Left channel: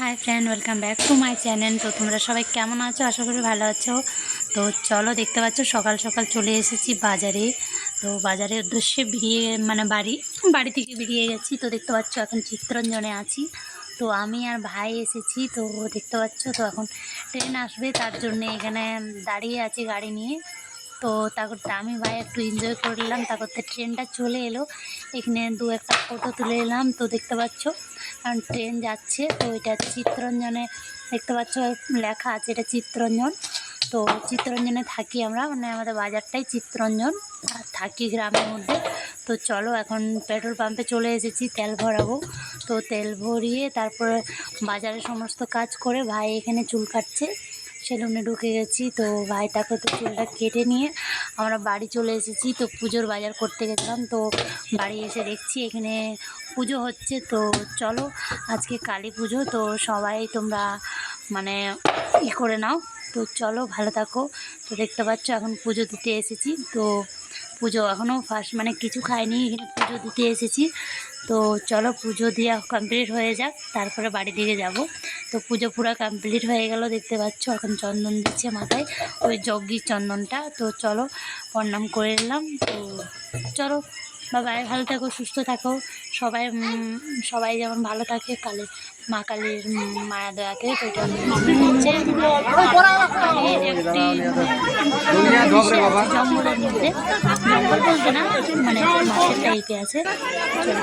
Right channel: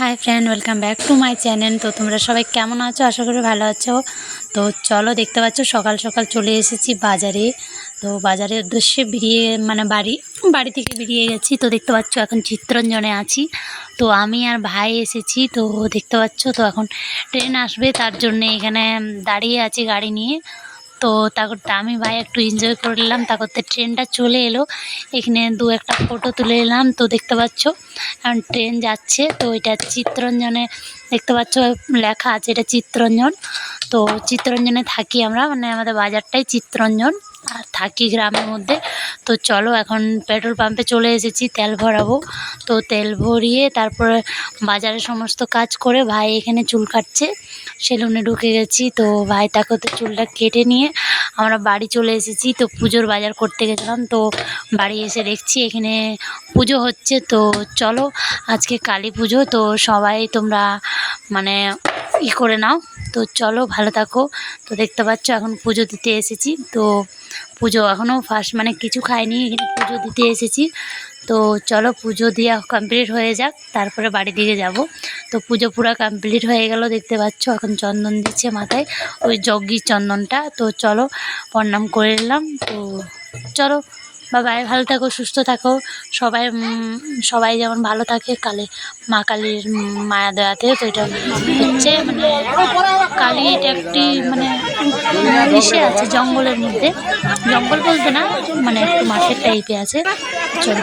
Hi friend, welcome back to my channel. তো তোমরা সবাই কেমন আছো? আশা করি ভালো আছো। তো চলো, দেখতে পাচ্ছ সকাল সকাল চলে এসেছি বাজারে। তো বাজারের উদ্দেশ্যে বাড়ি থেকে বেরিয়ে গেছি। তো দেখতে পাচ্ছ এখন চিত্তরঞ্জনে আছি। তো আমি আর ভাই এসেছি। তো দেখতে পাচ্ছ তো এখন ট্রেন আসবে, তার জন্য এখানে দাঁড়িয়ে আছি গাড়ি নিয়ে। তো তা করতে আমি ভাই একটু এনজয় করলাম। তা করতে ট্রেনটা চলে এলো, এখানে দু একটা ফটো তুলে এলাম। তো দেখতে পাচ্ছ এখন ট্রেন যাচ্ছে। তো এটা চিত্তরঞ্জনে দেখতে পাচ্ছ লেখা আছে, এটা চিত্তরঞ্জন। তো চিত্তরঞ্জনে থাকি আমরা, মানে আমাদের বাজারটাই চিত্তরঞ্জন, আর থাকি গ্রামের মধ্যে। তো চলো, এখন পেট্রোল পাম্পে চলে এসেছি, তেল ভরাবো। তো তেল ভরিয়ে তারপরে বাজারের সমস্ত কাজ করে ভাই এখানে চুল কাটছে, সেলুনে ঢুকে গেছি। তো ভাই তাকে তো চুলটা কেটে নিয়ে আমরা বাড়ি চলে এসেছি। তো পুজোর বাজার করতে গেছিলাম। তো বাড়ি এসে দেখছি এখানে পুজো হচ্ছে। তো চলো, আজকে কালী পুজো, তো সবাই তোমরা মানে করে নাও। তো চলো, ভালো থাকো। তো দেখতে পাচ্ছ এখন পুজো দিতে এসেছি। তো পুজো এখনও ফার্স্ট মানে কিছু খাইনি, এখানে পুজো দিতে এসেছি। তো চলো, পুজো দেওয়া কমপ্লিট হয়ে যাক, তারপরে বাড়ি দিকে যাব। তো পুজো পুরো কমপ্লিট হয়ে গেল, দেখতে পাচ্ছ এখন চন্দন দিচ্ছে মাথায়, ওই যজ্ঞির চন্দনটা। তো চলো, প্রণাম করে নিলাম। তো চলো, বাই, ভালো থাকো, সুস্থ থাকো। সবাই যেমন ভালো থাকে, মা কালীর মায়া দয়াতে। তো এটা হচ্ছে মানে কালী, এটা একটি মানে ইসে আছে জঙ্গলের মধ্যে, জঙ্গল বলতে না, মানে একটু মাঠের টাইপে আছে। চলো।